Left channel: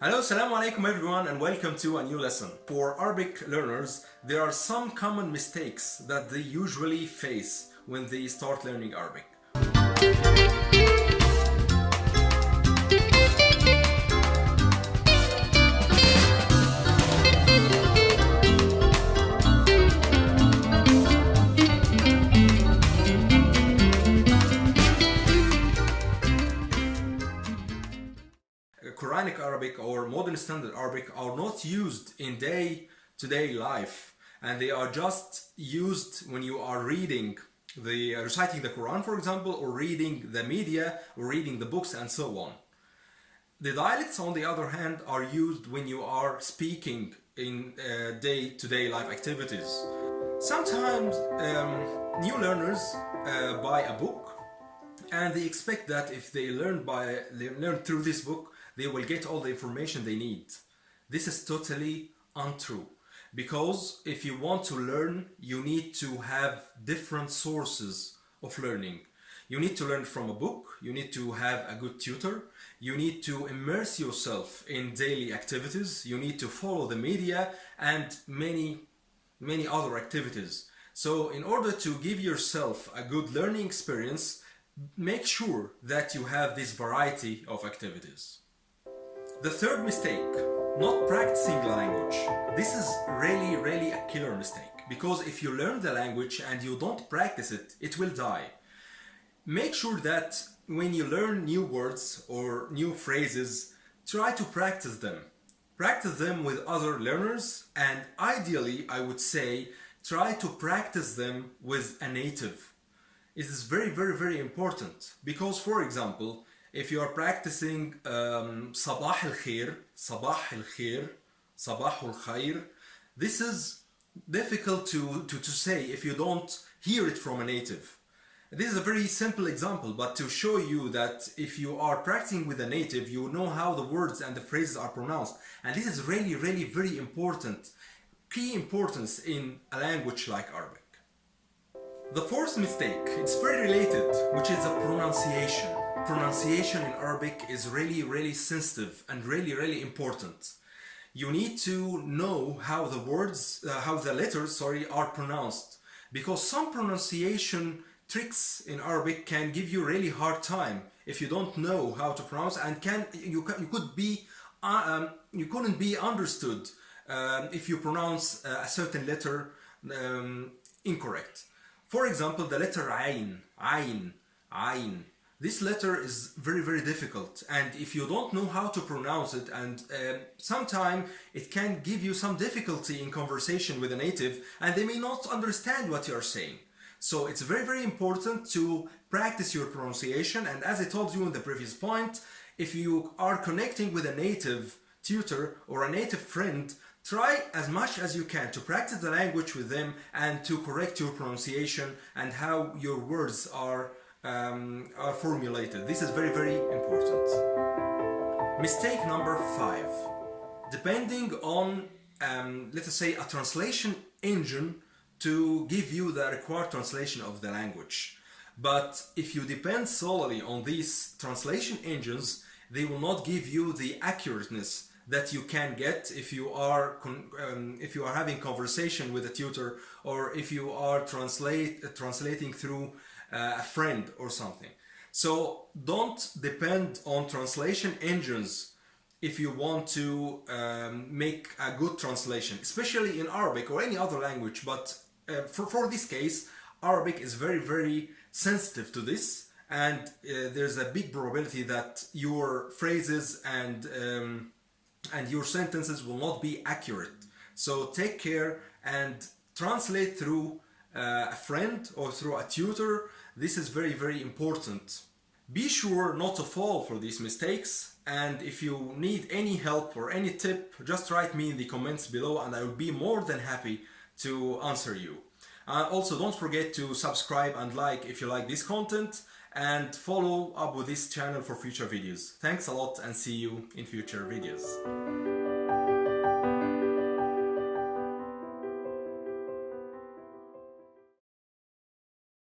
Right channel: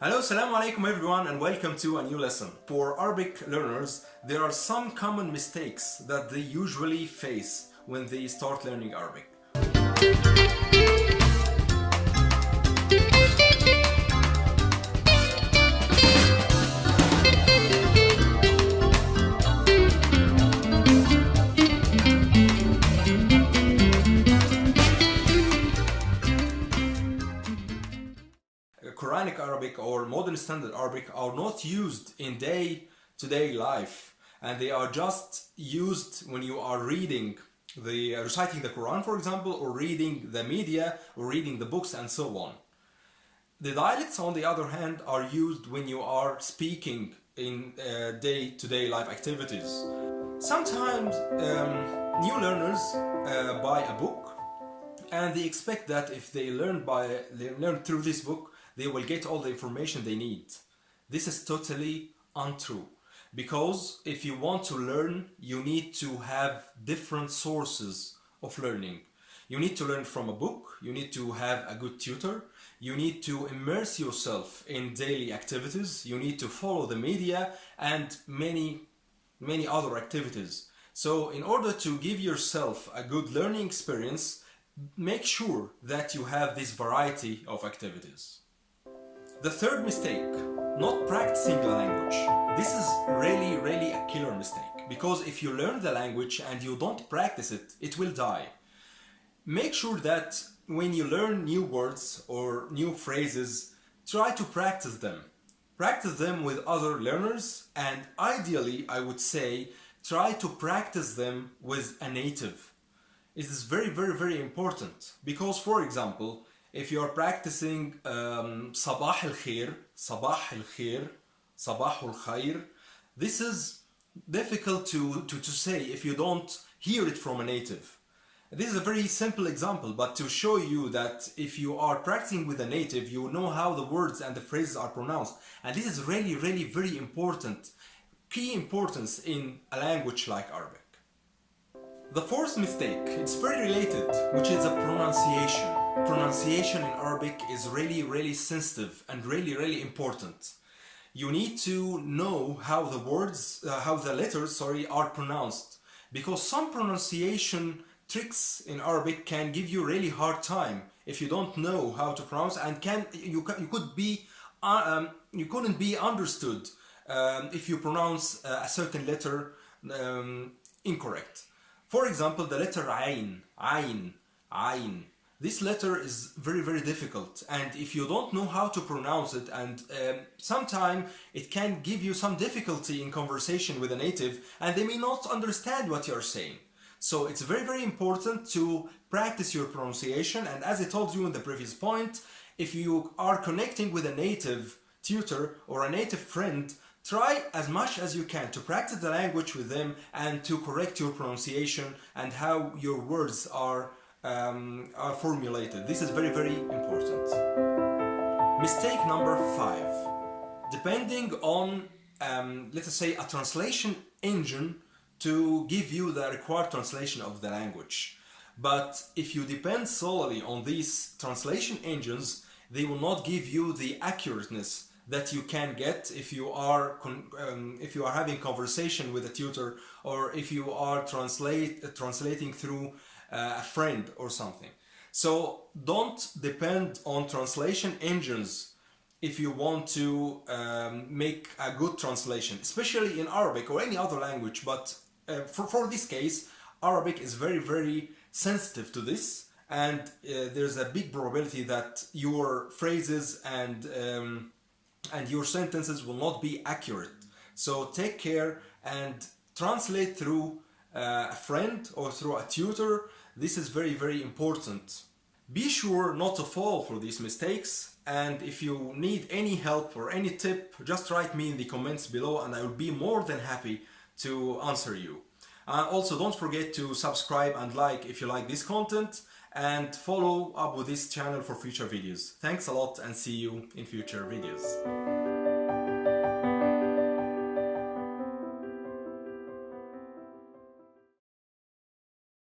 Hello, Assalamu alaikum everyone, and welcome to a new lesson. For Arabic learners, there are some common mistakes that they usually face when they start learning Arabic. Quranic Arabic or modern standard Arabic are not used in day-to-day life, and they are just used when you are reciting the Quran, for example, or reading the media, or reading the books, and so on. The dialects, on the other hand, are used when you are speaking in day-to-day life activities. Sometimes new learners buy a book, and they expect that if they learn through this book, they will get all the information they need. This is totally untrue, because if you want to learn, you need to have different sources of learning. You need to learn from a book, you need to have a good tutor, you need to immerse yourself in daily activities, you need to follow the media and many other activities. So in order to give yourself a good learning experience, make sure that you have this variety of activities. The third mistake, not practicing the language. This is really a killer mistake, because if you learn the language and you don't practice it, it will die. Make sure that when you learn new words or new phrases, try to practice them. Practice them with other learners, and ideally, I would say, try to practice them with a native. It is very important, because, for example, if you are practicing Sabah al-Khair, Sabah al-Khair, this is difficult to say if you don't hear it from a native. This is a very simple example, but to show you that if you are practicing with a native, you know how the words and the phrases are pronounced. And this is really very important, key importance in a language like Arabic. The fourth mistake, it's very related, which is a pronunciation. Pronunciation in Arabic is really sensitive and really important. You need to know how the letters are pronounced, because some pronunciation tricks in Arabic can give you really hard time if you don't know how to pronounce, and you couldn't be understood if you pronounce a certain letter incorrect. For example, the letter Ayn. This letter is very difficult, and if you don't know how to pronounce it, and sometimes it can give you some difficulty in conversation with a native, and they may not understand what you are saying. So it's very important to practice your pronunciation, and as I told you in the previous point, if you are connecting with a native tutor or a native friend, try as much as you can to practice the language with them and to correct your pronunciation and how your words are formulated. This is very important. Mistake number 5. Depending on, let us say, a translation engine to give you the required translation of the language. But if you depend solely on these translation engines, they will not give you the accurateness that you can get if you are having conversation with a tutor, or if you are translating through a friend or something. So don't depend on translation engines if you want to make a good translation, especially in Arabic or any other language. But for this case, Arabic is very sensitive to this, and there's a big probability that your phrases and your sentences will not be accurate. So take care and translate through a friend or through a tutor. This is very important. Be sure not to fall for these mistakes, and if you need any help or any tip, just write me in the comments below, and I will be more than happy to answer you. Also, don't forget to subscribe and like if you like this content, and follow up with this channel for future videos. Thanks a lot, and see you in future videos.